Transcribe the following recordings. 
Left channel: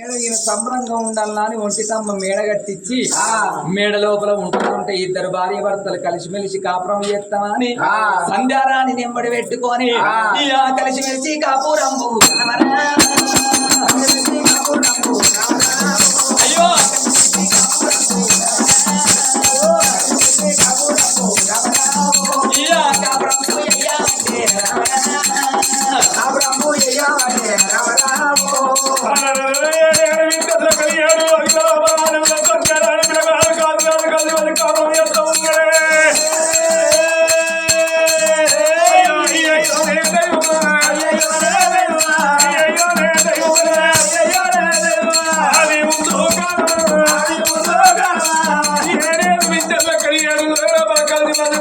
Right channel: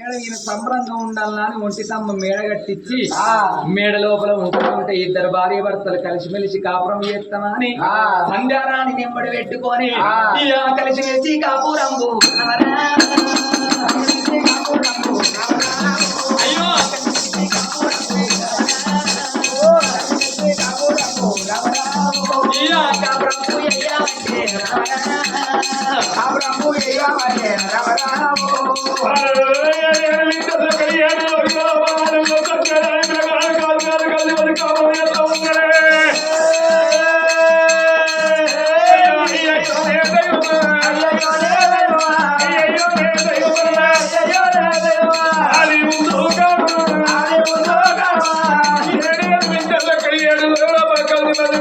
మేడ ఈయన సంబరంగా ఉండాలని అని ఒంటి తమ్మ మేడ కట్టించి మేడ లోపల ఉంటుంటే ఇద్దరు భార్య భర్తలు కలిసిమెలిసి కాపురం చేస్తామని సంధ్యారాణి నింబడి పెట్టుకొని కలిసిమెలిసి. అయ్యో! ఇక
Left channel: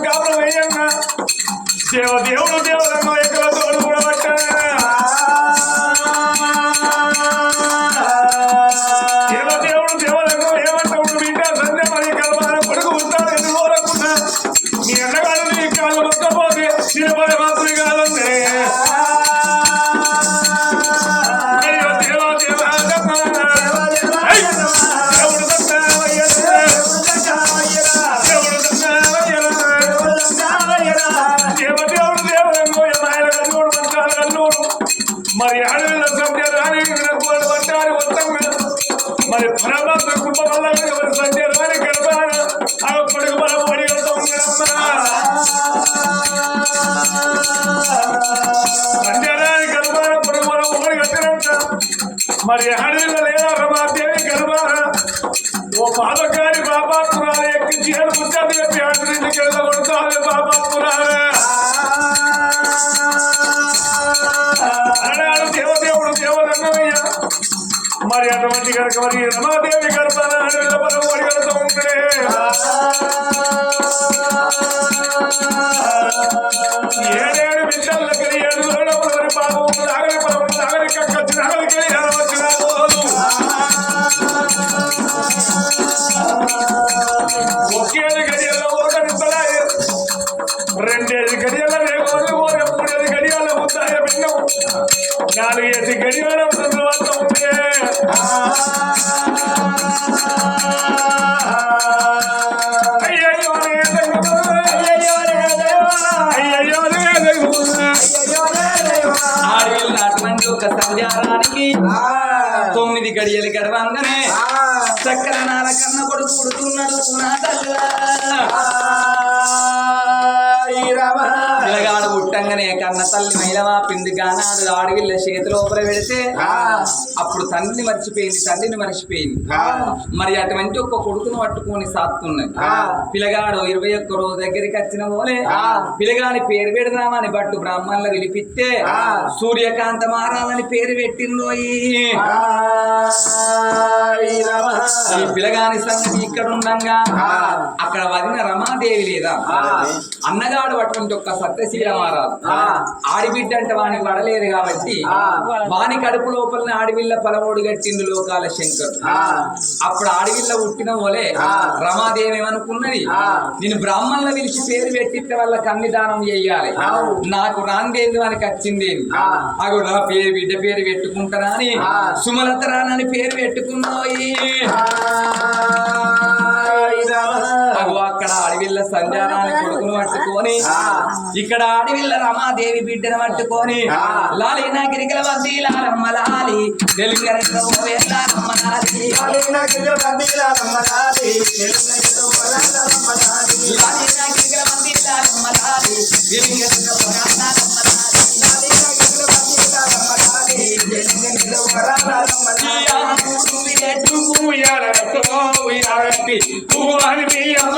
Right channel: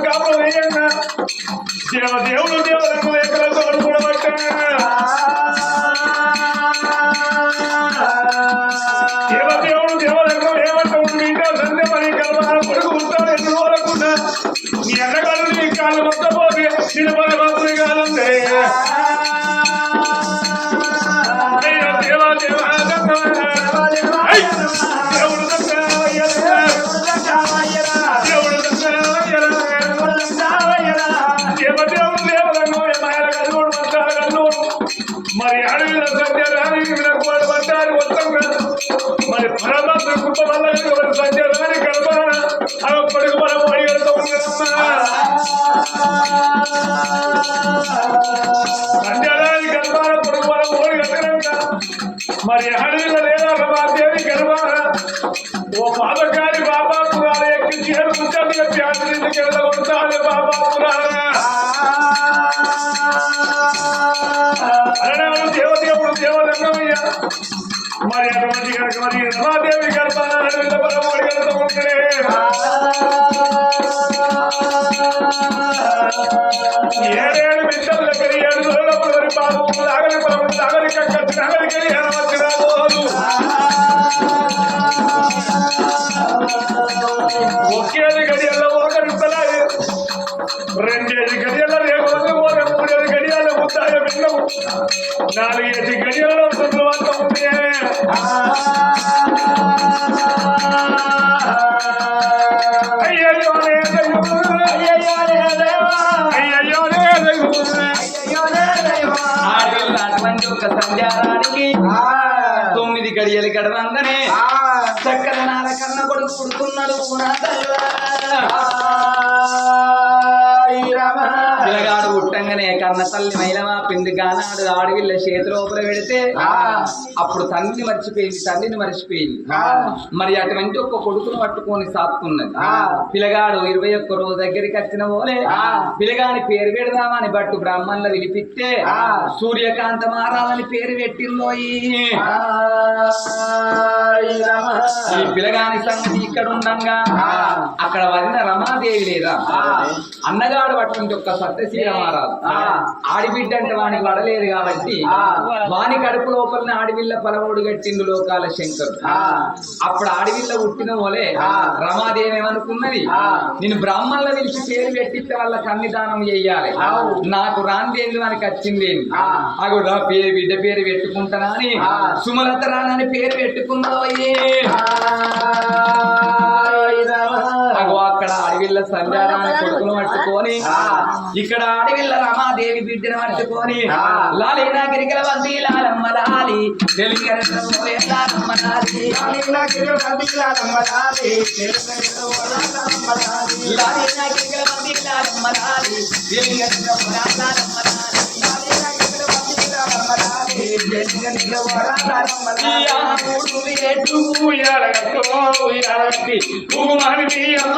కాపురంబు ఎయ్యాలంటే దేవ దేవుడు దేవుడు ఎక్కడ తోడు కూడా పట్టా మరి అడవిలో లేదా రమాదేవి గర్భాన ఓ పాదకారి బాబాత్మురాలు ఎక్కించి ఏడు ముచ్చట్లు చెప్పి ఆచరించి వెళ్ళగొడతాను బాబాత్మురాలా అన్నాడు దేవదేవుడు దేవదన్నమయ్య మరి అటువంటి కనుక మరి రమాదేవి గర్భాన అడవిలో పరమోడి కనుక ఉంటే? సంధ్యారానికి తొమ్మిది గడియలు గడవంగానే చక్కర నాల కన్న కొడుకు పుడుతున్నాడు పిల్లగాడు పుట్టంగానే కన్న తల్లి మైలమా పిండి గానాడు ఆడవిల్ల చేతిలోపల పెడితే అప్పుడు తండ్రిని మర్చిపోయింది తండ్రిని మర్చిపోయింది. మరి అటువంటి ఒక్క కొడుకును పట్టుకొని సాత్తున్నది. పిల్లగాడు ఇరవై ఒక్క రోజు దగ్గరికి వచ్చిన పోలే. పిల్లగాని పేరు పెడదామని బట్టు బ్రాహ్మణుల విలిపిస్తే సూర్యకాంత మారాలని పేరు పెట్టిందోయి ఈ. పిల్లగాని సంగతి ఇక్కడ ఉండంగా అక్కడ వదిన రమాదేవి లేదా? అన్నగాడు అటువంటి ఒక్క సత్యశీల మారాదు ఆడిబిడ్డ అంటే వానికి పడలేదు కాబట్టి వాని కడుపు లోపల ఆడివిల్ల పలమోడు గట్టిండు లోకాల శంకరు అప్పుడు ఆడివిల్ల పుట్టిన పోలే రమాదేవి ఏమనుకున్నది నేను బ్రాహ్మణుల పిలిచి పేరు పెట్టిస్తే వాళ్ళ కన్నిదానం చెయ్యాలి నాకు రాందేందు అని వచ్చిందేంది అగో నా పేరు బిడ్డ పేరు పెట్టుకుంటానా అని? సుమలత రానని పేరు పెట్టుకున్నోయి అగో అక్కడ అడవిల్ల సంధ్యారాన్ని కొడుకును పట్టుకొని ఇక్కడ అడవిల్ల రమాదేవి బిడ్డను పట్టుకొని లాలి నా గిరికల వంది లాలమ్మ లాలి తెలుగు లాలమ్మ లాలి లాలి. నా గిరికల వంది లాలమ్మ లాలి తెలుగు లాలమ్మ లాలి. ఉయ్యాలతో ఉయ్యాలట్టి భూమాని మీ అమ్మ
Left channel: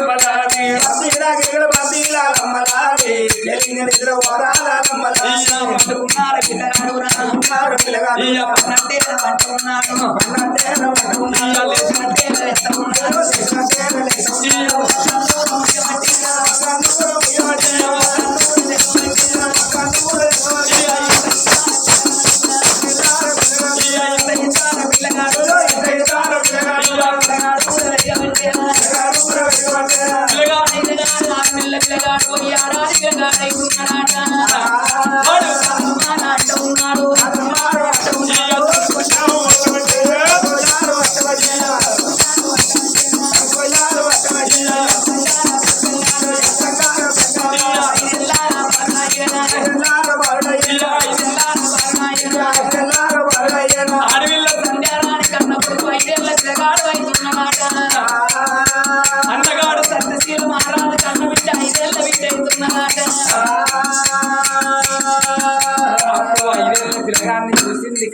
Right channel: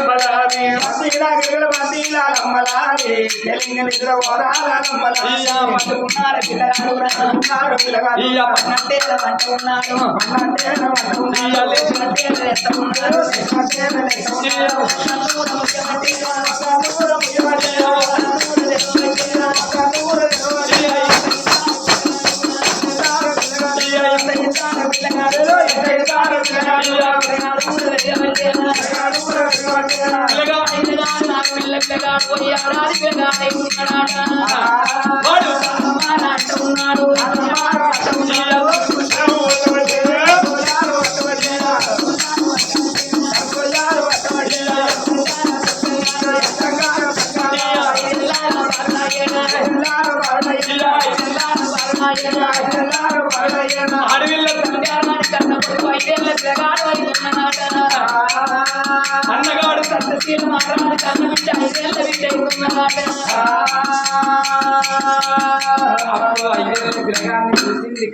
ఆయే పట్టుకున్నారు పిల్లగాడు పన్నట్టే అంటున్నాడు ఇయ్యాల లేచినట్టే ఎత్తకున్నాడు வெங்கடா போய் யாரா வெங்கடா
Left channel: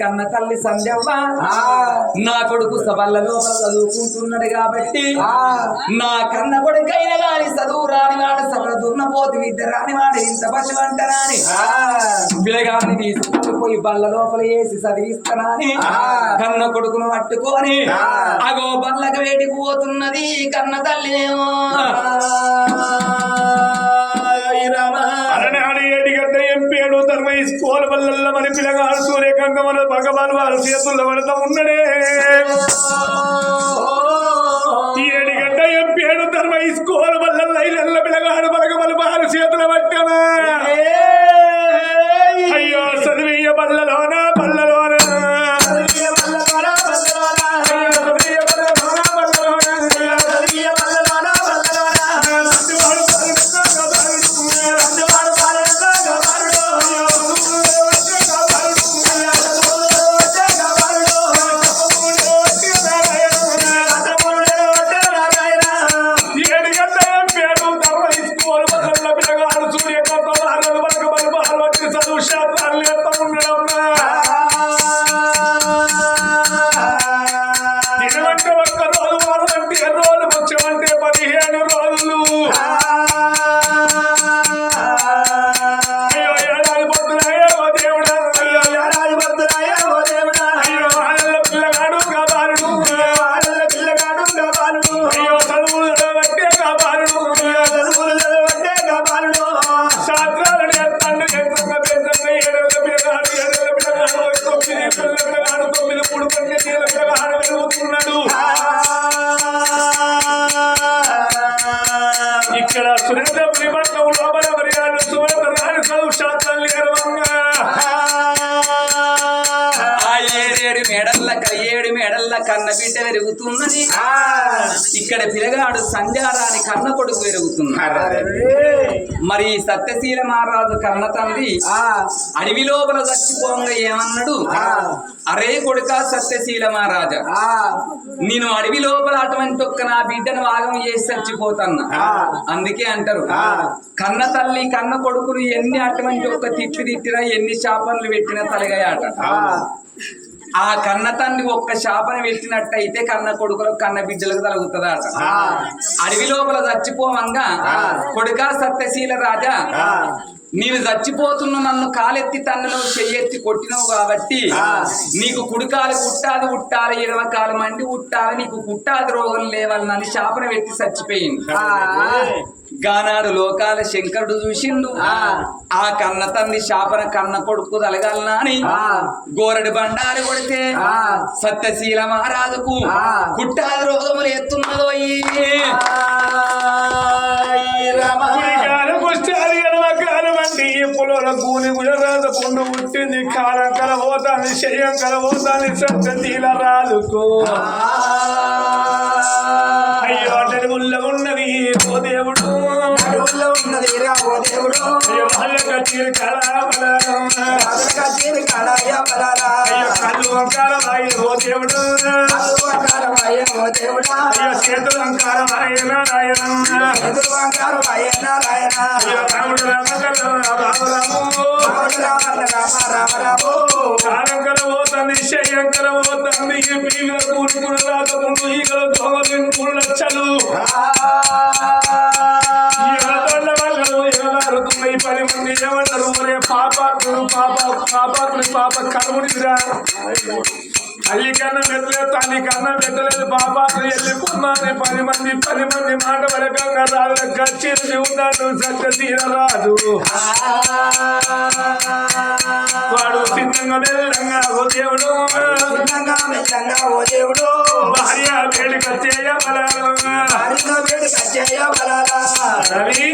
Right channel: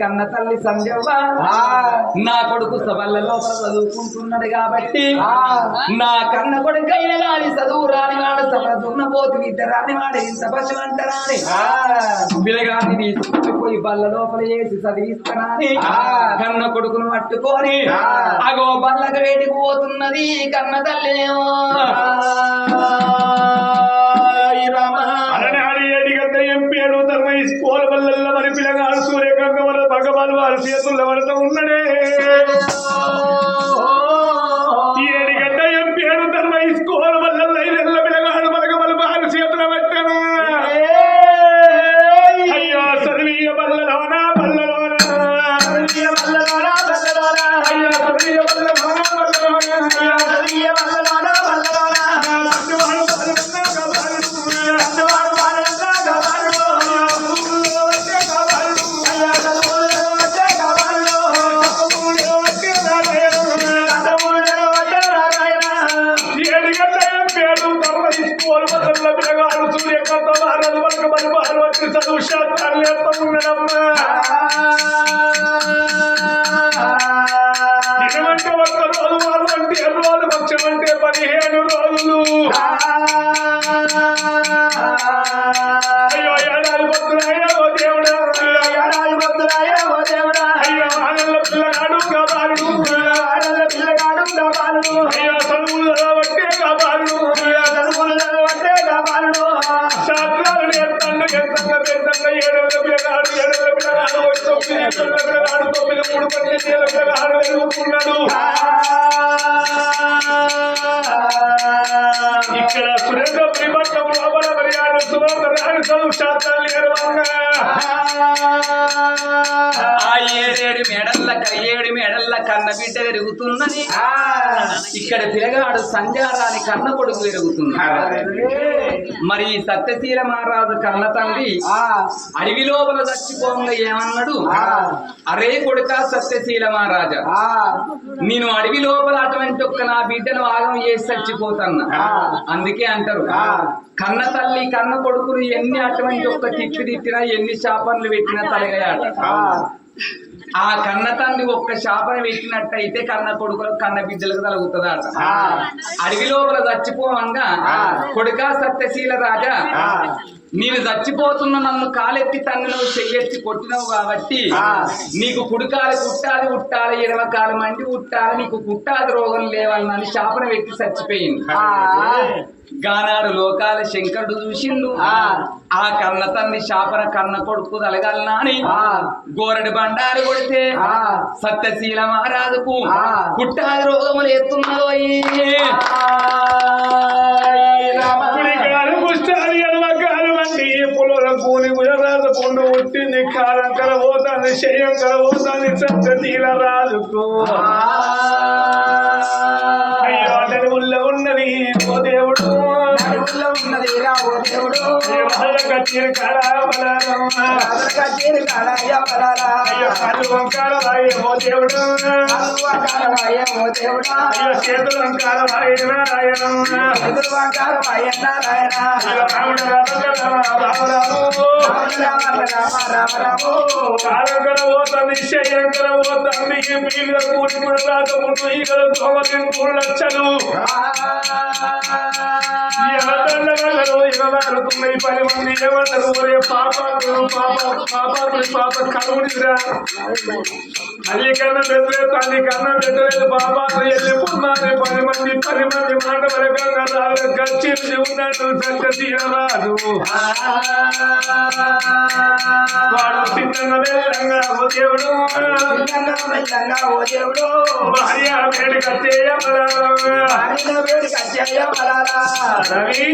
కన్న తల్లి సంధ్యవ్వ. నా కొడుకు సభల లోపల చదువుకుంటున్నాడు కాబట్టి నా కన్న కొడుకైన గాని చదువు రాని వాడు సభల దున్నపోతు విద్య రాని వాడు ఇంత పశు అంటారని పిల్లగాన్ని తీసుకుని పోయి బల్ల లోపల వేసి చదివిస్తానని కన్న కొడుకును పట్టుకొని అగో బల్లకి వేటికి పోతున్నది కన్న తల్లినేమో. వల్ల మరి పిల్లగాడు సూర్యకాంత వల్ల భగవాన్ వారి చేతుల్లో పడతా ఉన్నడే ఈ ఏడిగడ్డ ఎంపేడు ధర్మ వల్ల లోపల రాణి చదువు ఏడేడు మేడల్ల ఏడు మేడల్ల కన్న బిడ్డ పెరుగుతున్నది. ఇక్కడ పిల్లగాడు సంధ్యారాని కన్న కొడుకు పెరుగుతున్నాడు మరి సత్యశీల మహారాజు కన్న తండ్రి అడవి లోపల చచ్చిపోంగా ఏమన్నాడు? అరే కొడుక సత్యశీల మహారాజా నేను అడవి లోపల అటువంటి ఒక్క నా బిడ్డను ఆగం చేసి చచ్చిపోతాన్నా. అందుకే అంటారు కన్న తల్లి కన్న కొడుకులు ఎన్ని అటువంటి ఒక్క తిట్లు తిట్టినా ఎన్ని శాపనలు పెట్టినా తలగాయట. ఆ కన్న తండ్రి ఒక్క శాపన పెట్టినట్టయితే కన్న కొడుకులకు కన్న బిడ్డలకు తలుగుతుందట అడవి లోపల చచ్చిపోవంగా కొడుక సత్యశీల రాజా నీవు చచ్చిపోతున్న నన్ను కాలెత్తి తన్నులో చెయ్యెత్తి కొట్టినవు కాబట్టి నీకు కుడికాలు కుట్టాది ఉట్టాలి ఎడమ కాలు మండి ఉట్టాలి నీకు కుట్టాది రోగం లేవాలని శాపన పెట్టి చచ్చిపోయింది. గానాడు లోకాల శంకరుడు చూసిండు. ఆ. కన్న తండ్రి శాపన కన్న కొడుకు తలగలనా అని గోరడి బండారి కొడితే సత్యశీల మహారాజుకు కుట్టాది రోగములు ఎత్తున్నదో వంటి పులుల కూని గుజరాజ పుండు పుట్టింది కాలం కలబోతాంది శయం కలబోతాంది సత్యశీల రాజుకు అయ్యో అంటే ఉల్ల ఉన్నది బలాలా అయ్యో కళ్ళు వాయి ఓ దేవుడు. ఓ దేవుడా. అయ్యో చేతులు వంకాల వాయి నారాయణమ్మ. ఎదురు వంకారమాయ నారాయణ. అయ్యో రాముడు రామ ఈ మీద కూడి కూడా రాకముందు ఈగల ఎవరి వాళ్ళు ఎవరుతున్నాయి పది మంది ఏమన్నారు ఒరే పాపాత్ముడు పాప పాపాత్ముడి పాప కలువునిరా తల్లి కన్నా పెట్టలేదు తల్లి కన్నా పెట్టలేదు బాబాను వెళ్ళిపోన్నాను పది మంది పది మంది మాట వరకంగా రాదు ఉన్నాడు సత్య వాడు సిద్ధంగా వెళ్ళంగా ఓ దేవుడు చిన్నంగా మెల్లంగా ఓ దేవుడు. భార్య వేడి కచ్చాయ రవి.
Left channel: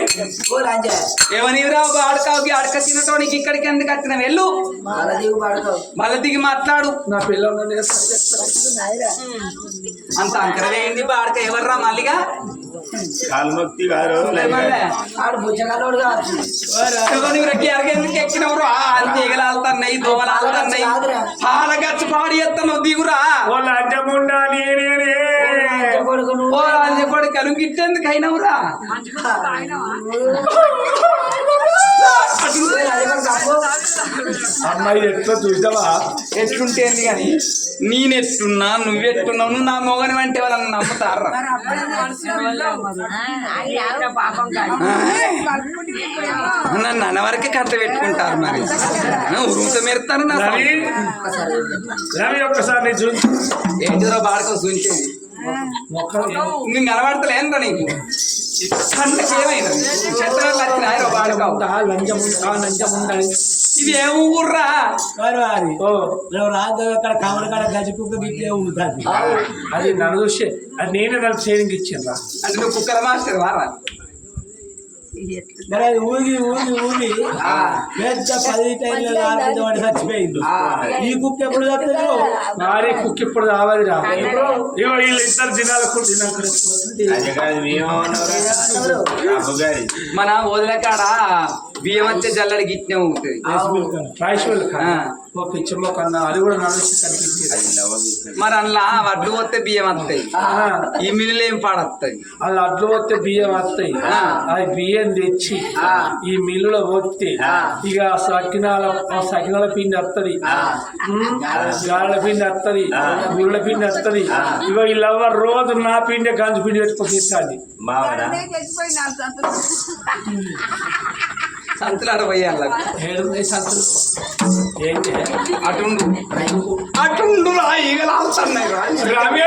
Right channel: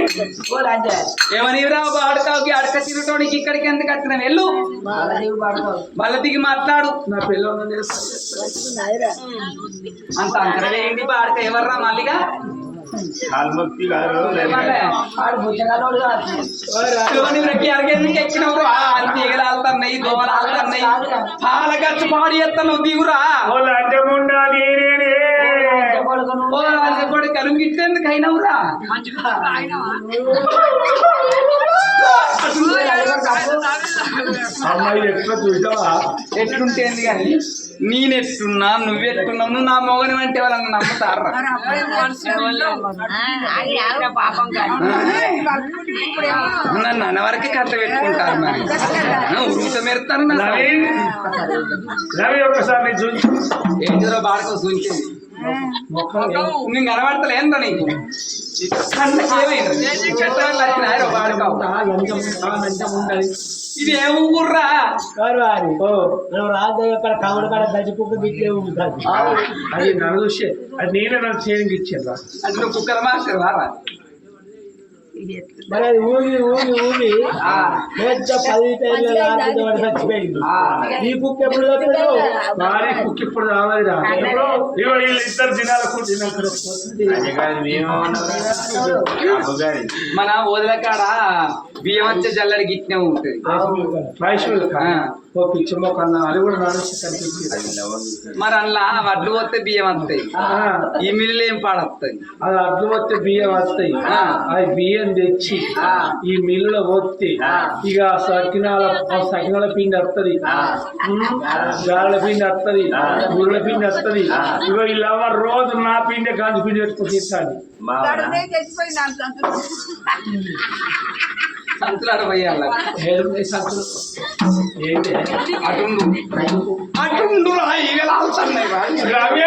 ఓ రాజా ఏమని రా ఆడకావుకి అడక తినటోనికి ఇక్కడికి ఎందుకు వచ్చిన వెళ్ళు. పడుకో. మళ్ళీ దిగి మాట్లాడు. నా పిల్లలు అంత అంకరమే ఏంది? బాడక ఎవర్రా మళ్ళీగా కాల్ముక్తి గారు ఆడు రెక్కి అరగెందుకు ఎక్కినవు అంత ఈగలాలుతున్నాయి దోమలాలుతున్నాయి పాలగచ్చు పాడి ఎత్తను దిగురా. ఓ కొడుకును ఓ అయినవురా? అమ్మాయి ఎట్లా చూసావా? ఎట్లుంటేంది కానీ నేనెట్టున్నా నువ్వెట్టున్నావు నువ్వు నా మొగని అంటే వాళ్ళని నమ్ముతారా? నన్ను అన్నవరకే కట్ట పెట్టుకుంటారు మరి. ఉరుత మెరుతాను రవి ఒక్కసారి నీ చూసి ఏంటిదో బాడకో సూచింది? నేను నీకు. ఇది ఊర్రా? రాదు అక్కడ కాడ ఉంటుంది. అది నన్ను చూసి అది నేనే నాకు ట్రైనింగ్ ఇచ్చిండ్రా అంటే నువ్వు కుక్కల మాస్టర్ వారా? మరి ఊగి ఊగి ఊగి పెద్ద పది టైర్ల లారీ వాడు చచ్చిపోయింది ఈ కుక్క ఎప్పుడు చస్తుందో భారీ కుక్ ఇప్పుడు రావాలిరా ఇద్దరు దినాలు మన వదిల కాడ బియ్యం వచ్చే జల్లడి గిట్నే ఉంటుంది. ఓ పిచ్చమ్మ కన్నా అది కూడా నానేసి కనిపించింది మరి అలా వడ్లు వస్తే బియ్యం వస్తాయి. ఈ మిల్లు ఏం పాడొస్తాయి? అది అడ్లు వస్తే బియ్యం వస్తాయి. ఆ. అది బియ్యం తెచ్చి ఈ మిల్లులో పోతే ఇక సకినాల సకినాల పిండి వస్తుంది గాళ్ళ పిండి వస్తుంది గురుల పిండి వస్తుంది ఇక వీళ్ళెవ్వ రోజు నా పిండి గంజు పిండి పెట్టుకొని తింటాది. మావరా సంతులాడ పోయాల. ఏడున్నాయి సంతులు? ఏంటి? అటుండు. అటుండు ఈగలాడుతున్నాయి రమ్య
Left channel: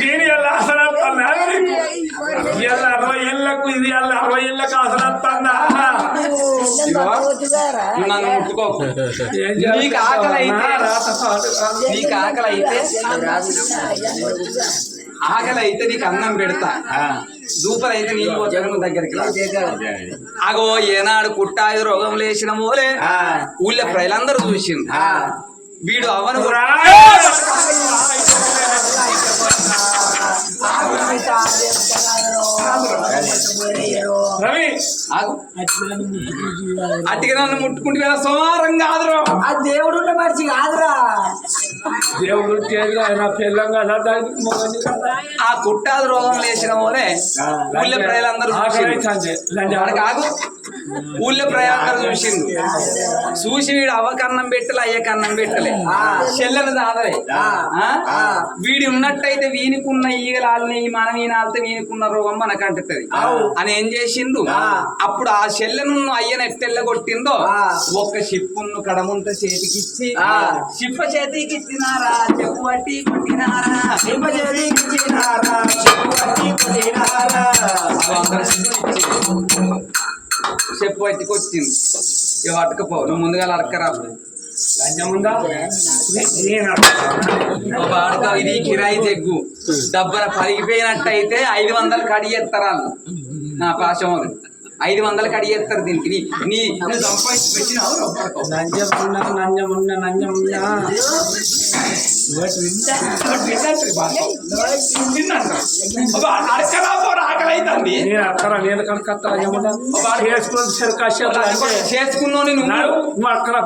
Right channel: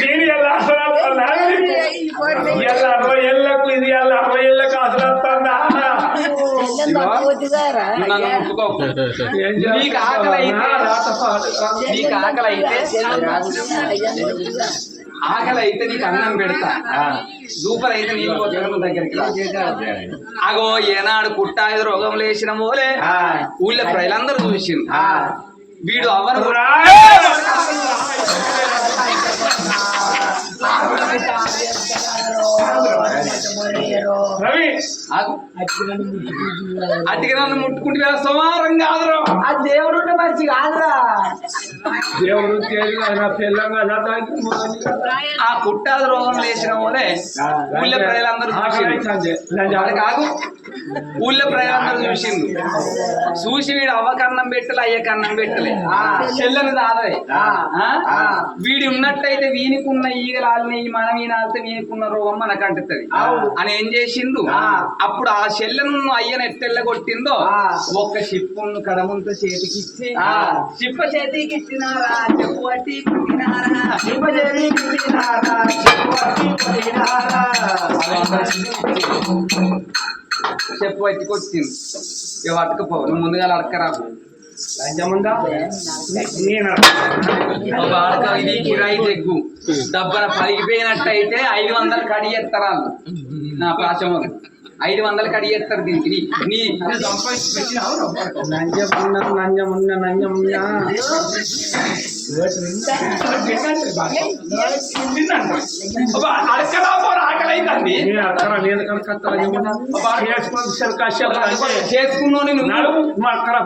నేను ఎలా అసలు ఇలా అరవై ఏళ్ళకు ఇది ఇలా అరవై ఏళ్ళకు అసలు వస్తుందా నన్ను ముట్టుకోకు ఏం నీకు ఆకలి అయితే- ఆకలి అయితే నీకు అన్నం పెడతా. దూపర్ అయితే నీళ్ళు పోతాను దగ్గరికి. అగో ఏనాడు కుట్టాయి రోగం లేచిన మూలే. ఊళ్ళో ప్రజలందరూ చూసింది వీడు అవను. రవి. ఆగు. అట్టిగా నన్ను ముట్టుకుంటే సోమారం కాదురా. ఆ దేవుడు మనిషి కాదురా. దేవుడు తేజ నా పిల్లంగా ఆ కుట్టాది రోగం లేచిన మూలే ఆకలి చూసింది ఊళ్ళో ప్రజలందరూ చూసిండు. చూసి వీడు అవ్వకన్నం పెట్టలే అయ్యకన్నం పెట్టలే. చెల్లెని దాదరే? వీడి ఉన్నట్టయితే వీనికున్న ఈగలు ఆలినాయి మనం ఈయన ఆలితే వీనికున్న రోగం మనకు అంటుతుంది అని ఏం చేసిండు? అప్పుడు ఆ చెల్లెను అయ్యను ఎట్టెల్ల కొట్టిందో ఒక్క షిప్పును కడముంత చేతికిచ్చి షిప్ప చేతికి ఇచ్చినారా చెప్పు అట్టి కొట్టినారా? సింహజరి చిన్నారా చెప్పువట్టి కొట్టినారా? చెప్పు పట్టి కొట్టింది ఇక పట్టుకపో నువ్వు ముందుగా అడక్కరా వాడక ఇది కిరాయి చెగ్గు డబ్బన పలిగిపోయినట్టయితే ఐదు వందలు కడిగేస్తారు వాళ్ళు నా పాశం ఐదు వందలు కడిగేస్తారు దీనికి నీ. నంజమున్నా నంజమున్నా నంజమున్నా పోరా, నేను అక్కడ నేను కనుక అక్కడ లంజమున్నా చేసుకుని సరికాశం అంటే. చేసుకున్నావు నువ్వు అక్కడ.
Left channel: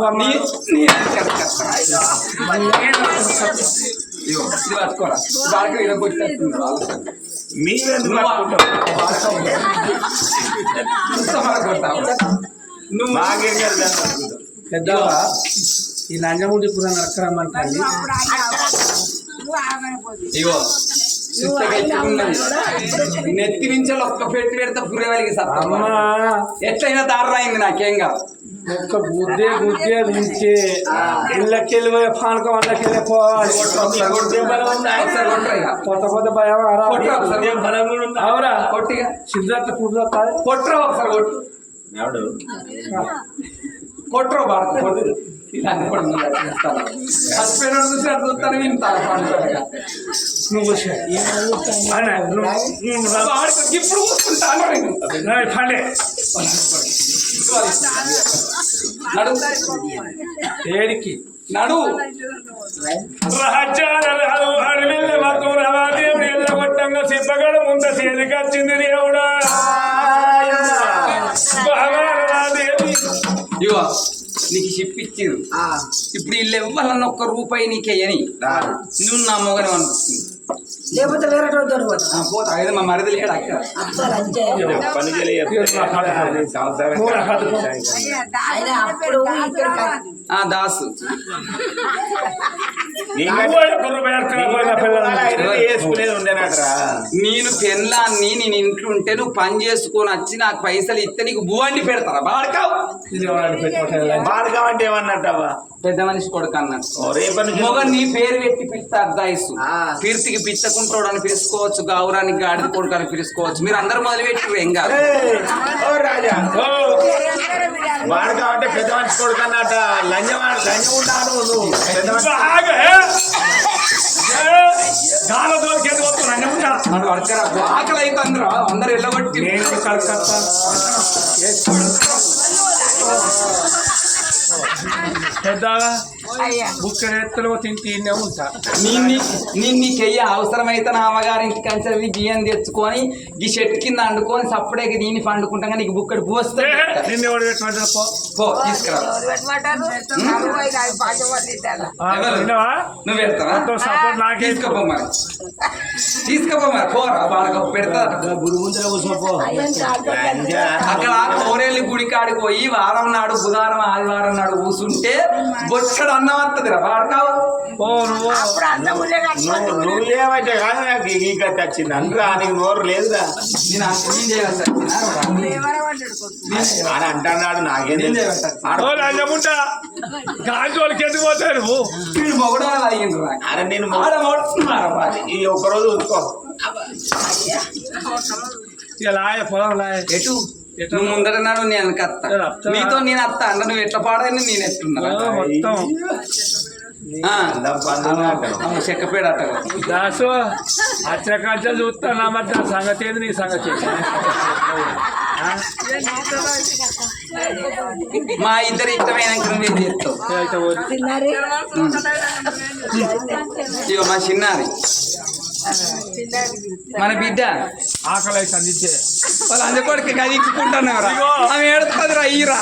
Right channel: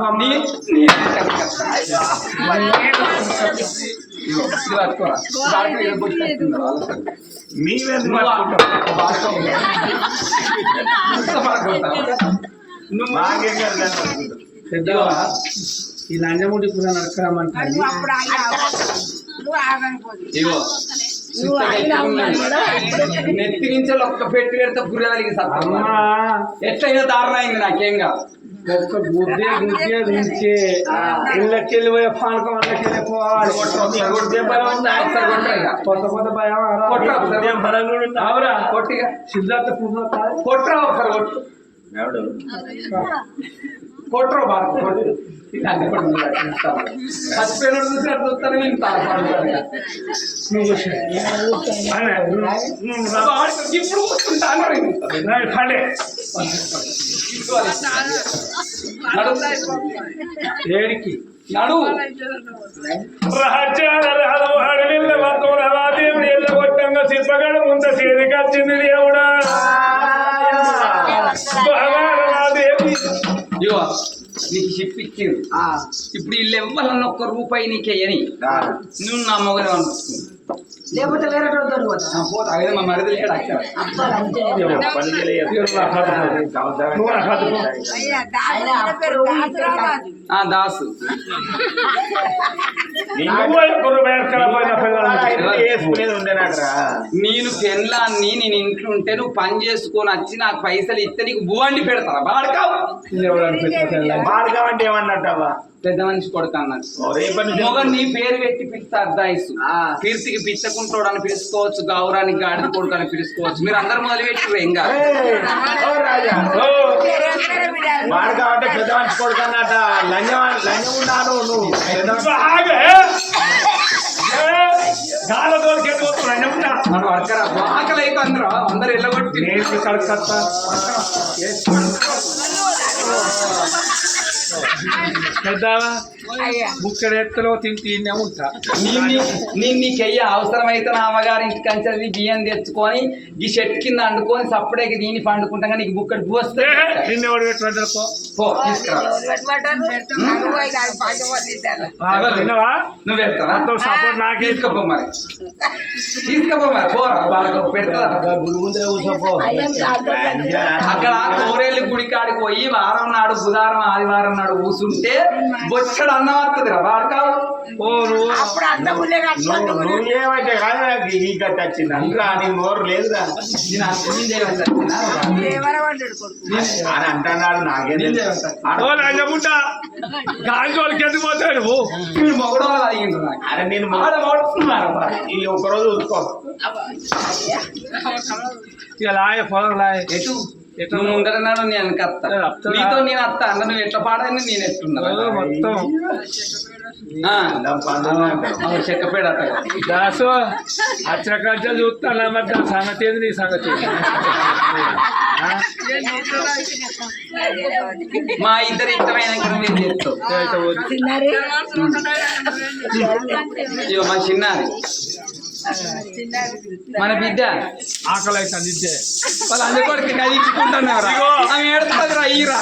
మీరెందుకు నువ్వు? బాగా. పెద్దవా ఈ లంజముడి కూడా నరకరమ్మంటాయి ఇగో. నెత్తి నుంచి ఒక్క పెట్టి పెడితే పుర్రెవలికి సత్తమ్మ అమ్మా. ఎట్లయినా దారుణ అయింది నాకేం కాదు. ఒక్క గుద్దే గుద్దే ఉంచే ఇళ్ళకెళ్ళి పోయే పానకం అన్నకెళ్ళి పోవాలి. ఒకసారి కొట్టు. ఒకసారి కొట్టురా ఇక. కొత్త కొత్త భయం? అవురా. కొట్టిగా సిద్ధార్థ కాదు కొట్టురా ఒకసారి కొట్టు ఎవడు? కొట్టురా బాగా కొట్టు. ఇలా అన్ని కూడా చూస్తాను. చచ్చిపోయినోడు చూసినట్టు చూస్తాను. నువ్వు వచ్చే. అన్న, నువ్వు ఇప్పుడు కూర్చుంటాను నడు. ఏడికి? నడు. మతం ఎల్లగొట్టంగా సిప్పగడ ముంద చేతికొచ్చింది దేవుడా. నీకు షిప్ ఇచ్చిర్రు ఇప్పుడు వీళ్ళు ఇవ్వాలన్న ఒక్క రూపాయి నీకేయని రా. నువ్వు నా మొగనే అనిపిస్తుంది లేకపోతే పోతా. మా మరిది లేడు అక్కడ దాసు. నేను పెళ్ళాన్ని నేను ఇంట్లో ఉంటే నువ్వు పని చేసుకొని వచ్చి నాకు పైసలు ఇస్తే నీకు భూవండి పెడతారా? బాడకావు వాడుగా అంటే ఏమన్నట్టవా పెద్ద మనిషి కొడుకు మొగ నీ పేరు పెట్టి పిలుస్తా అర్ధాయిసు కీర్తికి పిచ్చకుంటోడు అని పిలుచుకోవచ్చు గౌరానికి గాడిద కొడుకు అని పిలుచుకోవచ్చు. మీరు అందరు మొదలు పెట్టి ఏం కాదు. ఏయ్, ఓ రాజా. వాడు కాబట్టి పెద్ద మనిషి లంజం లంజం ఉన్నాను నువ్వు. ఆకలి అయితే అందరూ అందరు నేను కలకత్తా పెద్దవా? బుక్కడి ఎత్తులో తింటే ఈయనే ఉంటా. నిన్ను నేను నీకెయ్య అవసరమైతే నా అమ్మగారి ఇంటికి కంచెది బియ్యం తెచ్చుకొని ఈ చెట్టు కింద అండుకొని సప్పుడేకి దీన్ని పండుకుంటాగా నీకు బుక్కడి పూ వస్తే నిన్ను పో. తీసుకురా. నువ్వు పెడతావా సపోర్ట్ నాకే. తీసుకోపో మరి. తీసుకోపో మరి పోరా బాగా పెడతా. అక్కడ కోరేళ్ళు గుడి కాడికి పోయి వారం నాడు బుధవారం ఆదివారం నాడు కూసుంటే బొచ్చడు అన్నం వస్తుంది రా వాడకావు ఓ నువ్వు నువ్వు నువ్వు ఏమంటే కాదు నాకు ఈ గతి వచ్చింది. అందులో నీకు నోరు లేదురా. అని అంటున్నాడు మీరు మొగడం అరే నేను. ఈ ఒక్కరోజు చూసుకో ఇక లాయ పొలం లాయ. ఎటు? నువ్వు ముందరన్నాడు నేను కత్త నేను? నీతో నేను అత్త. అన్న నువ్వు ఎట్లా పాడని నేను అంటారు. చెక్కపేడ దాసు వచ్చిన కంచెలు చూస్తాను మరి దాని సంగతి ఏంది నీ సంగతి? మా ఇద్దరు ఇష్టమైన అయితే పోనీ. ఇగో మా చిన్నది మన బిడ్డ. ఆకలి అందించే వాళ్ళ అందుకోడికి కదిలించుకుంటున్నారా ఆమె ఏడుతుంది రా ఈరా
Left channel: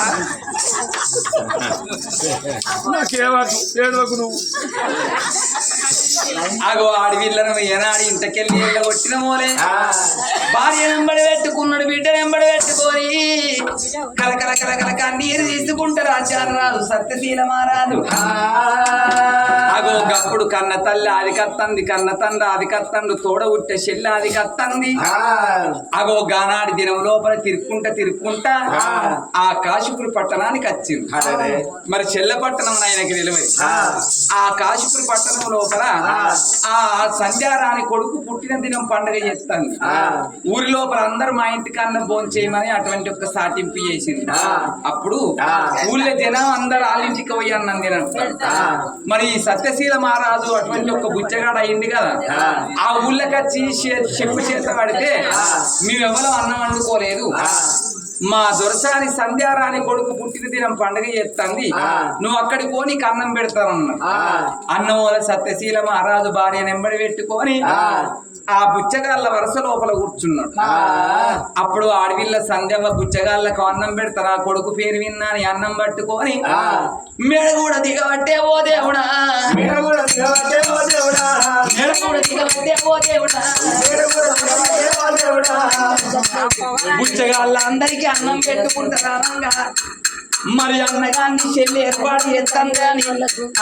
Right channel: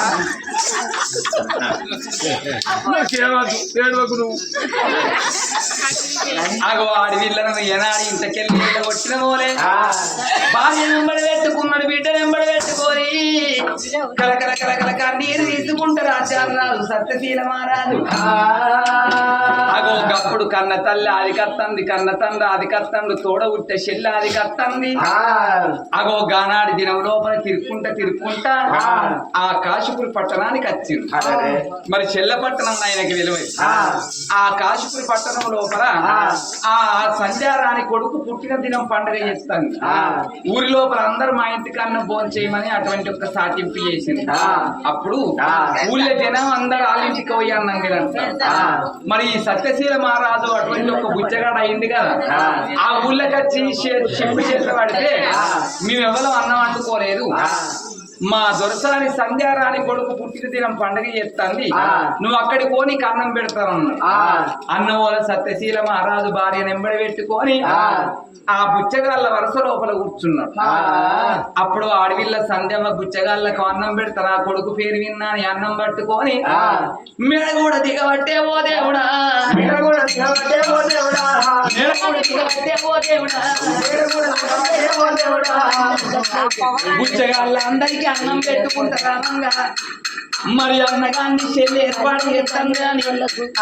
నాకేమకు నువ్వు. అగో ఆడి వీళ్ళను ఏనాడు ఇంతకెళ్ళి వీళ్ళ కొట్టిన మోలే ఆ, భార్య వెంబడి పెట్టుకున్నాడు బిడ్డ వెంబడి పెట్టుకొని కలకల తీసుకుంటారు ఆచారాలు సత్యశీల అగో గప్పుడు కన్న తల్లి ఆది కత్తంది కన్న తండ్రి ఆది కత్తండు తోడ ఉట్టే చెల్లి ఆది కత్తంది అగో గానాడి దినం లోపల తిరుక్కుంటా తిరుక్కుంటా ఆ. కాశీపురి పట్టణానికి వచ్చింది. మరి చెల్ల పట్టణం ఆయనకి తెలియదు ఆ. కాశీపురి పట్టణం లోపల ఆ. సంధ్యారాణి కొడుకు పుట్టిన దినం పండుగ చేస్తాను ఆ. ఊరి లోపల అందరూ మా ఇంటికన్నా భోజనం చేయమని అటువంటి ఒక సాటింపు చేసింది. అప్పుడు. ఊళ్ళో జనం అందరు వాళ్ళింటికి పోయాను నన్ను. మరి ఈ సత్యశీల మహారాజు అటువంటి ఒక బుచ్చగాడు అయింది కదా ఆ. ఊళ్ళకి వచ్చి చెప్పు చేత పడితే మేము ఎవరో అన్నం వండుకోలేదు మా దొరసాని సంధ్యారాణి కొడుకు పుట్టిన దినం పండుగ చేస్తుంది. నువ్వు అక్కడికి పోనీ అన్నం పెడతానన్నాడు ఆ. అన్నం వల్ల సత్యశీల మహారాజు భార్య నెంబడి పెట్టుకొని ఆ. బుచ్చగాళ్ళ వరుస లోపల కూర్చున్నాడు. అప్పుడు ఆడవిళ్ళ సంధ్యవ బుచ్చగాళ్ళకు అన్నం పెడతారా కొడుకు పేరు విన్నా అని అన్నం పట్టుకొని. మెడ కూడా దిగబట్టే ఓ దేవుడా మీరు కూడా తినబట్టే ఓ దేవుడా. మెడ కూడా దిగబట్టే ఓ దేవుడా మీరు కూడా తినబట్టే ఓ దేవుడా. బుచ్చగాళ్ళ అందరికీ అన్నం పెట్టుకుంటారా? మరి అన్నగాన్ని చెల్లి ఏర్పాటు చేస్తాను కానీ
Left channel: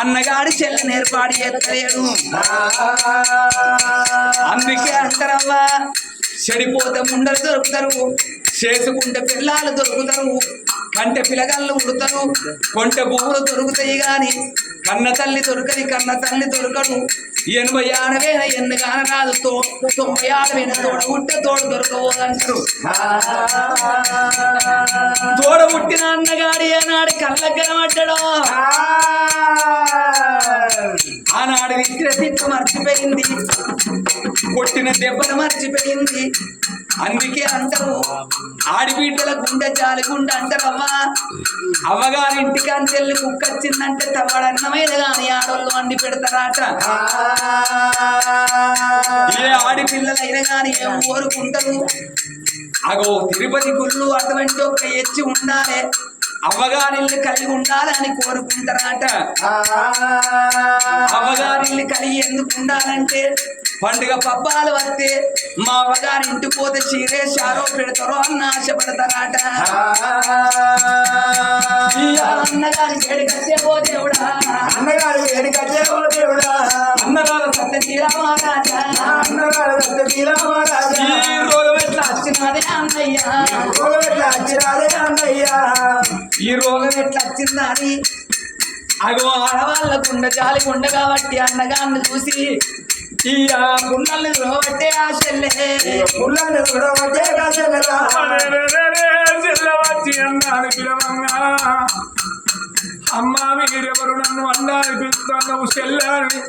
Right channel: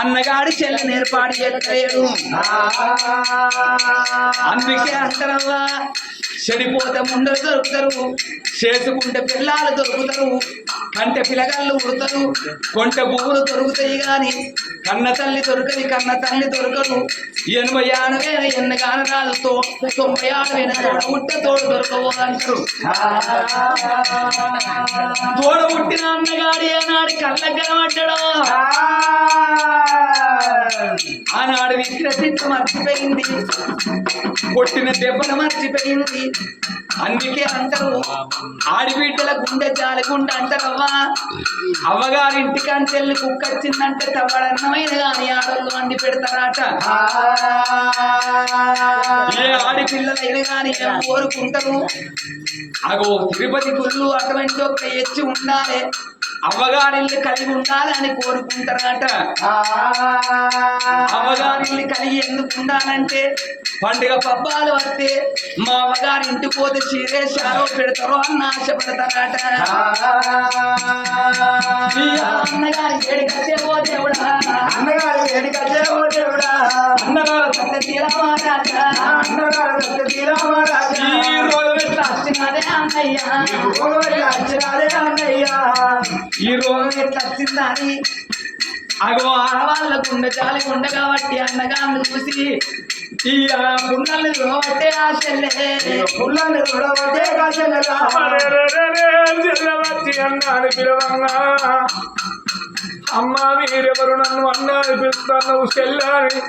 అన్నగాడి చెల్లిని ఏర్పాటు చేస్తలేడు అందుకే అంటారవ్వా చెడిపోతే ముండలు దొరుకుతారు చేసుకుంటే పిల్లలు దొరుకుతారు కంటే పిల్లగాళ్ళు ఉడతారు కొంటె పువ్వులు దొరుకుతాయి కానీ కన్న తల్లి దొరకది కన్న తల్లి దొరకదు. ఎనభై ఆడవేన ఎన్ని కానరాలతో తొంభై ఆడవేన తోడ ఉట్ట తోడు దొరకవు అంటారు. తోడ పుట్టిన అన్నగాడి ఆనాడు కళ్ళ కనబడ్డడా? ఆనాడు విగ్రహించ మర్చిపోయింది. కొట్టిన దెబ్బలు మర్చిపోయింది. అందుకే అందరూ ఆడిబిడ్డల గుండె జాలి గుండె అంటారవ్వా అవ్వగారి ఇంటికాంచి వెళ్ళి కుక్క వచ్చిందంటే తవ్వడన్నమైన కానీ ఆడోళ్ళు వండి పెడతారట. ఏ ఆడిపిల్లలైనా కానీ ఏం కోరుకుంటారు? అగో తిరుపతి గుళ్ళు అటువంటి ఒక ఎచ్చి ఉండాలి. అవ్వగారిల్లు కలిగి ఉండాలని కోరుకుంటారట అవ్వగారిల్లు కలిగి ఎందుకు ఉండాలంటే పండుగ పబ్బాలు వస్తే మా అవ్వగారి ఇంటికి పోతే చీరే షారో పెడతారో అన్న ఆశపడతారట. అన్నగారి వేడి కట్టే పోతే అన్నగారు వెనుకచ్చే ఓ దేవుడా. అన్నగారు సత్య తీరామారాజా అన్నగారు తీరామరాజా ఈ రోజు ఎట్లా వచ్చినదే అన్నయ్య. ఈ రోగం ఎట్లా వచ్చిందని అగో ఆడవాళ్ళ గుండె జాలి గుండె కాబట్టి అన్నగాన్ని చూసి ఈ ఆ చెల్లె. కూడా చెల్లవచ్చి అన్నాను పిలవంగా అమ్మా మీరెవరు నన్ను అన్నాని పిలుస్తున్నావు చెల్లాని?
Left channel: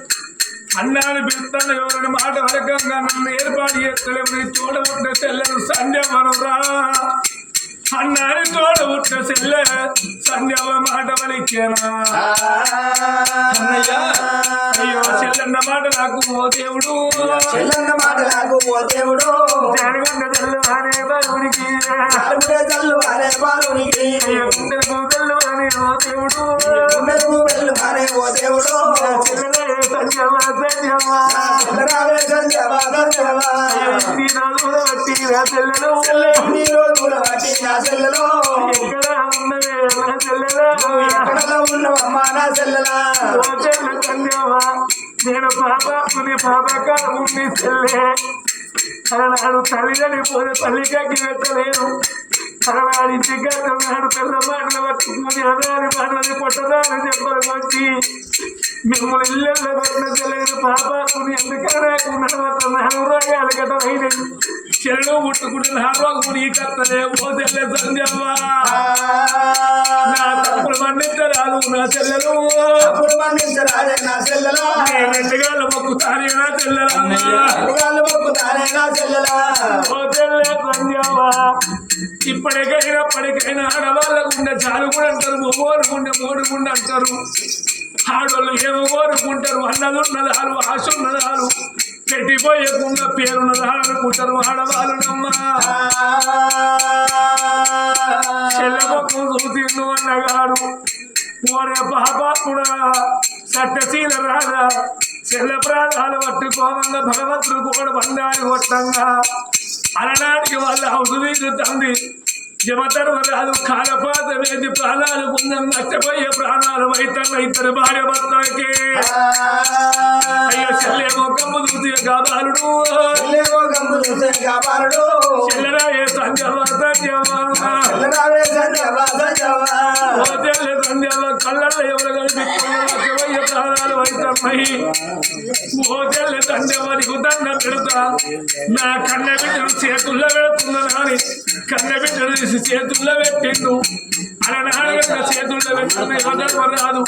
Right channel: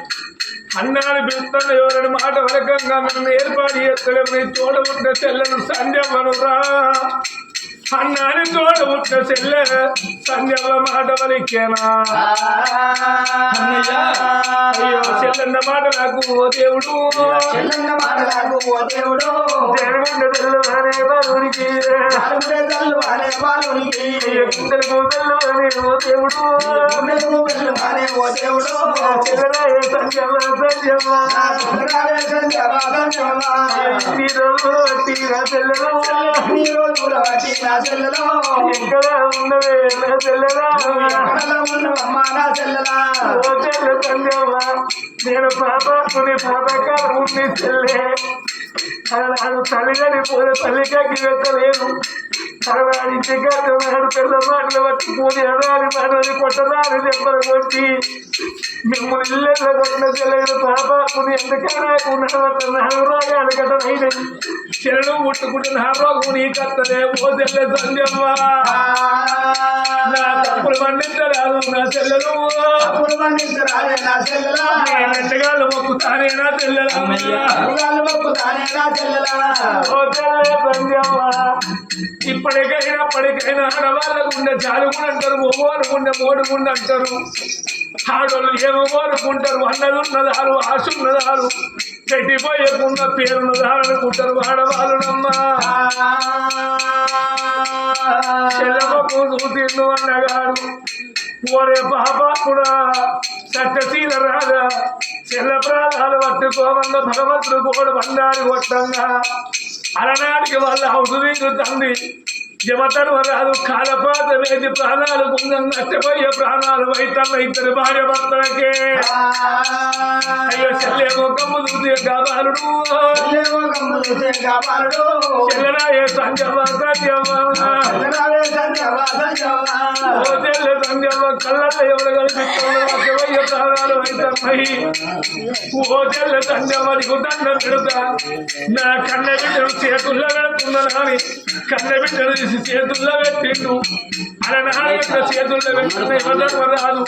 అన్నాని పిలుస్తున్న ఎవరిని మాట వరకంగా నన్ను ఏర్పాటు చేస్తలేమని చూడబుట్టిన చెల్లెను సంధ్యవను రా అన్నాని చూడబుట్టిన చెల్లె సంధ్యవ మాట వలికేనా అయ్యో చెల్లెన్న మాట నాకు ఓ దేవుడు. చెల్లన్న మాటలకు ఓ దేవుడు. జరగండ తెల్లవారే బాలునికి. అలుగుడే తల్లు అనే అయ్యో కుండలకు ఓ దేవుడు. వెళ్ళు అనే ఓ దేవుడు. సంజమ రావే సంజవా సంజవా ఈ రోజు చెల్లెలు రోజుల బట్టి నా చెల్లెలో. ఎక్కడ ఉన్నవే నా చెల్లెలు? ఎక్కడలో ఉన్నవమ్మా నా చెల్లెలా? ఓ చెల్లె నేను పాపకుని చెల్లె. అలనాడు తల్లిదని పోతే తల్లికి వెత్తలేను ఇంటికి నాడు పిల్ల మాటలు పట్టుకుని అనాలి మాటలు కొట్టరాని కొట్టి మిమ్మల్ని ఇళ్ళల్లో కొట్టిన చెల్లెలు పాపకుని నడవత నాలుగు రోగాలు చెల్లెలు నా నీ కత్తలే ఓ చెల్లె సంజమ్మ. నా తప్పులు మన్నించరాదు నా చెల్లెలు. నా చెల్లెలా? నేను ఎండగాళ్ళు మొక్కుతానే నా మొక్కుతానే నా చెల్లెలా? ఓ తెల్లే సంజమ్మ. ఇప్పటికైనా ఇప్పటికైనా ఆడవాళ్ళ ఉండే చాలు కూడా అంటారు మొగోరు గుండె అంటారు. ఆడోళ్ళు ఏమో కోరుకుంటారు అన్నది ఉన్నదాలు ఆశ ఉన్నదాలు పెట్టిపోయకున్న పేరున్నదాలు అనుకుంటారు ఆడవాళ్ళునమ్మా చెల్లెమ్మకు చూసిండు అన్నగాడు ఓరే పాపాకుడా సత్యశీల రాదా చెల్ల ప్రాణాలు పట్టుకోమన్న భగవంతుడు కూడా బండారి కొట్టంగా. అలనాటికి వాళ్ళ హౌసు తండ్రి జమతర్వ రాదు కాలపాత వేది ప్రాణాలు కుందం నష్టపోయే ప్రాణాలు వైతన్న ఇద్దరు భార్య భర్తలకే. అయ్యో చెల్లేమో కమ్ము చూసి కాబాలుడు చెల్లరాయే సంజమ సంజమ తెల్ల సంధ్యలో కళ్ళల్లో ఎవరు కనిపిస్తున్నారు ప్రాణాలు వైతమ్మయి ఓ తెల్ల సంధ్యమనికి దండం పెడతా. నా కన్న బిడ్డను చేతుల్లో పెడుతున్నాను అని కన్న బిడ్డను చేసి చేతుల్లో పెట్టిండు. అలనాడగట్ల చేతుల్లో పెట్టుకున్న యువతకు రాదు.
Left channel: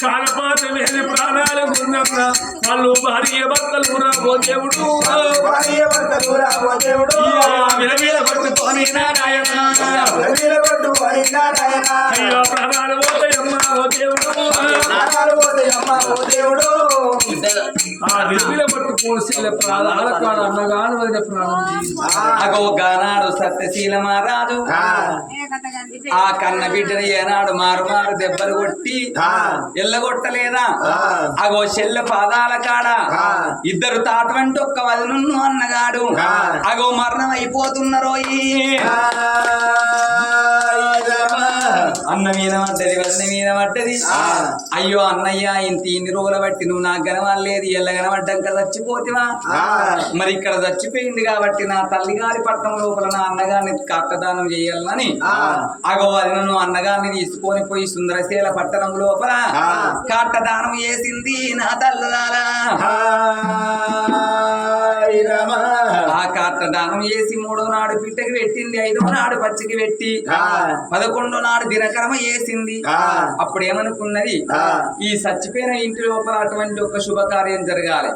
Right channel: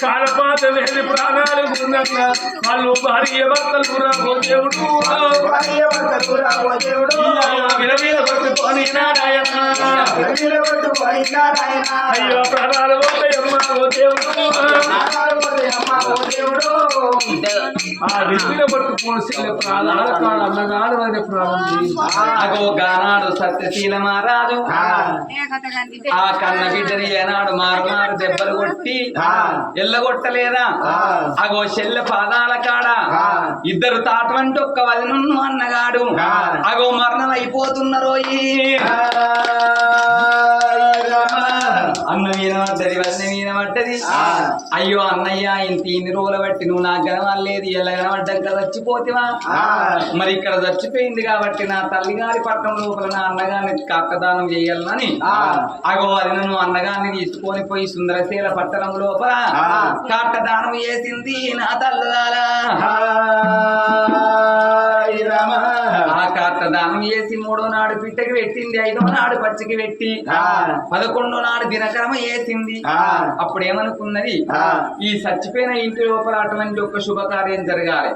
కాలపాత వేది ప్రాణాలు ఉందన్న వాళ్ళు భార్య భర్తలు రా ఓ దేవుడు. విలవీల పట్టుకొని నారాయణ. అయ్యో ప్రాణాలు పోతాయమ్మా ఓ దేవుడు. ప్రాణాలు పోతాయమ్మా ఆ విలువిల పట్టుకోవాల్సిన ప్రాణాల కాడ అన్నగాడు అనే ప్రాణం. అగో గానాడు సత్యశీలమారా మహారాజు ఆ. కన్న బిడ్డని ఏనాడు మారు మారు దెబ్బలు కొట్టి ఎల్లగొట్టలేదా? అగో చెల్లె పాదాల కాడ ఇద్దరు తాటవంటి ఒక్క వదనున్ను అన్నగాడు. అగో మరణం అయిపోతున్నారోయి అన్న మీద పడ్డది మీద పడ్డది అయ్యో అన్నయ్య ఇంత ఇన్ని రోజులు బట్టి నువ్వు నాకు కనవలేదు ఎల్ల కనబడ్డాక చచ్చిపోతివా? మరి ఇక్కడ చచ్చిపోయింది కాబట్టి నా తల్లిగారి పట్టణం లోపల నా అన్నగారిని కట్టదానం చేయాలని. అగో అది నువ్వు అన్నగారిని తీసుకొని పోయి సుందరశీల పట్టణం లోపల కట్టదానం చేసింది నా తల్లుగారా ఆ కాట్ట దానం చేసి మూడో నాడు పిట్టకి పెట్టింది ఐదో నాడు పచ్చికి పెట్టి పదకొండో నాడు దినకరమ వేసింది అప్పుడు ఏమనుకున్నది ఈ చచ్చిపోయిన ఇంటి లోపల అటువంటి ఒక శుభకార్యం జరగాలి.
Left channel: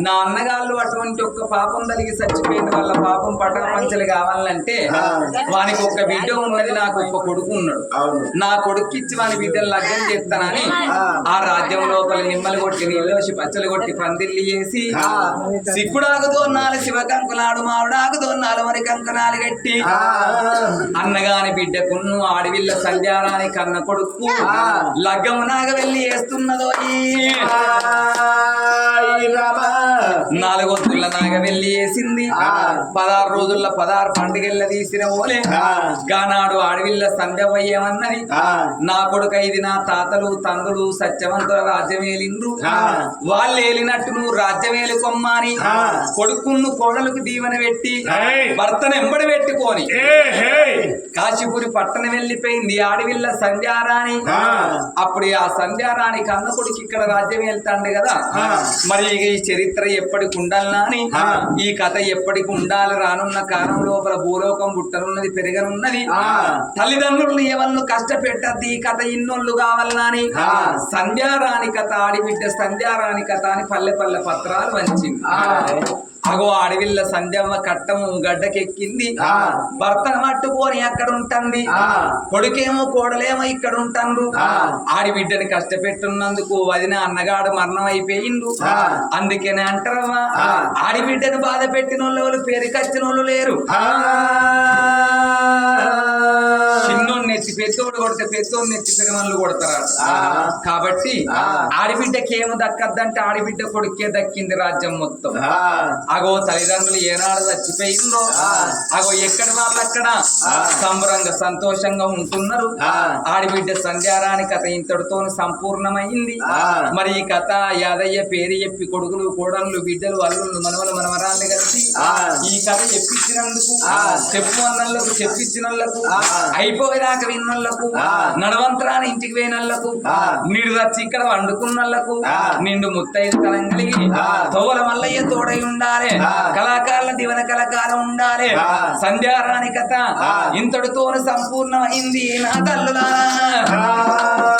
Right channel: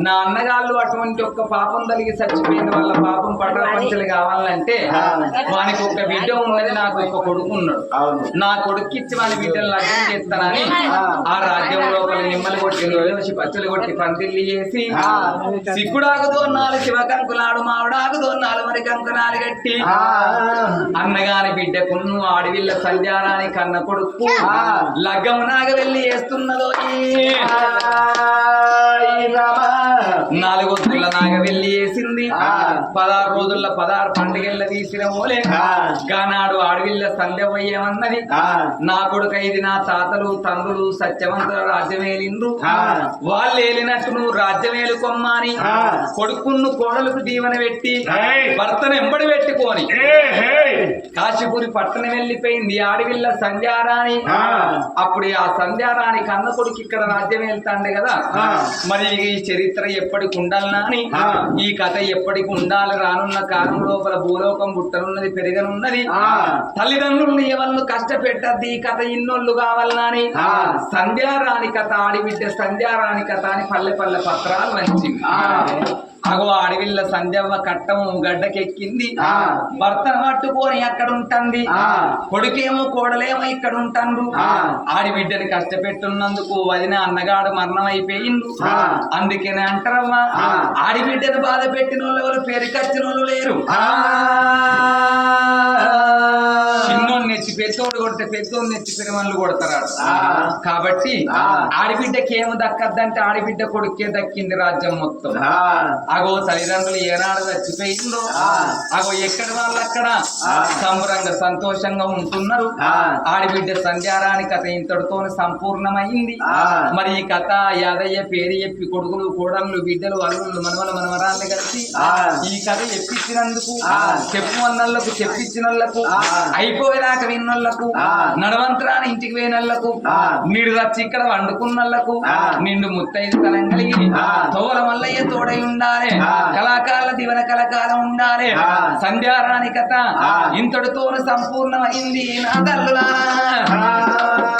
నా అన్నగాళ్ళు అటువంటి ఒక్క పాపం తలిగి చచ్చిపోయిన వాళ్ళ పాపం పట్టణ పంచలు కావాలంటే వానికి ఒక బిడ్డ ఉన్నది నాకు ఒక కొడుకు ఉన్నాడు. నా కొడుక్కిచ్చి వాని బిడ్డలు లగ్నం చేస్తానని ఆ. రాజ్యం లోపల నిమ్మలు కొట్టి పచ్చలు కొట్టి పందిల్లి చేసి సిగ్గుడాకు దోన్నాలు శివ కంకునాడు మావిడాకు దోన్నాలు మరి కంకునాలు గట్టి అన్నగాని బిడ్డకున్ను ఆడివిల్ల సంధ్యారాని కన్న కొడుకు లగ్గము నాగ వెళ్ళి వేస్తున్నదో నాలుగొద్దుల నాగ వెళ్ళి వేసింది. పదహారు రోజుల పదహారు పండుగల తీసిన ఓలే. గానాడు ఆడవిల్ల సంధ్యవయ్యమన్నది. నా కొడుకు ఇది నా తాతలు తండ్రులు సత్యవంతుల రాజ్యమేలిండ్రు. వాళ్ళు ఏలినట్టు నువ్వు రాజ్యమేలు కొమ్మని కొడుకును కోడలకు దీవెన పెట్టి! భర్తను ఎంబడి పెట్టుకొని కాశీపురి పట్టణం వెళ్ళిపోయింది ఆడవిల్ల సంధ్యారాణి. అప్పుడు ఆ సంధ్యారాణి కన్న కొడుకు ఇక్కడ రాజ్యం వెళ్తాండే కదా. మరి ఈ చరిత్ర ఎప్పటికి ఉండాలనా అని. ఈ కథ ఎప్పటికి ఉండాలి రానున్న కాలం లోపల భూలోకం పుట్టనున్నది పెరగనున్నది ఆ. తల్లిదండ్రులను ఎవరిను కష్టపెట్టద్ది ఈ కథ ఇన్నోళ్ళు కావాలనా అని. సంధ్యారాణి కథ ఆడిబిడ్డ సంధ్యారాణి కథ అని పల్లె పల్లె పత్రాలు వంచింది అగో అడవిల్ల సంధ్యమ్మ కట్టము గడ్డకెక్కింది ఆ. భర్తను పట్టుకొని అక్కడ ఉంటుంది. కొడుకేమో కోడలేమో ఇక్కడ ఉంటాండ్రు ఆ. ఆడి బిడ్డని కష్టపెట్టున్నందుకు వదిన అన్నగాడు మరణం అయిపోయిండు. అందుకనే అంటారమ్మా. ఆడి బిడ్డను బాధ పెట్టిన వాళ్ళు ఎవరు పేరుకొచ్చిన వాళ్ళు లేరు పెద్దోడు నెచ్చి పెరుమన్లు కొడతారు ఆ. కాబట్టి. ఆడిబిడ్డకి ఏమి దక్కద్దంటే ఆడిబిడ్డ కొడుకే దక్కింది రాజ్యం మొత్తం అగో తల్లిదండ్రులు ఏనాడు చచ్చిపోయిందో. అగో ఎక్కడి వాళ్ళు అక్కడ. సంబరంగా సంతోషంగా ఉంటున్నారు. ఆడిబిడ్డ సంధ్యారాని కథ ఇంతటితో సంపూర్ణమైంది ఆ. మరి ఈ కథ యాదయ్య పేరు చెప్పి కొడుకులు కోడళ్ళు బిడ్డలు అల్లుళ్ళు మనవలు మనవరాళ్ళు కలిసి ఆ. ఈ కథ చెప్పించినందుకు ఆ. చెప్పు అన్నోళ్ళకు చెప్పించిన. అయిపోయేదాకా విన్నోళ్ళకు ఆ. నడవంతరాని ఇంటికి పోయినోళ్ళకు ఆ. నీడు వచ్చి ఇక్కడ వండుకున్నోళ్ళకు ఆ. నిండు ముత్తైదు తలం కలిగి. తోవల మల్లయ్య తోడై ఉండాలి. కళాకారుల దివన కళకాలం ఉండాలి. సంధ్యారాణి కథ ఆ. ఇంతటితో సంపూర్ణమైంది నా తల్లులారా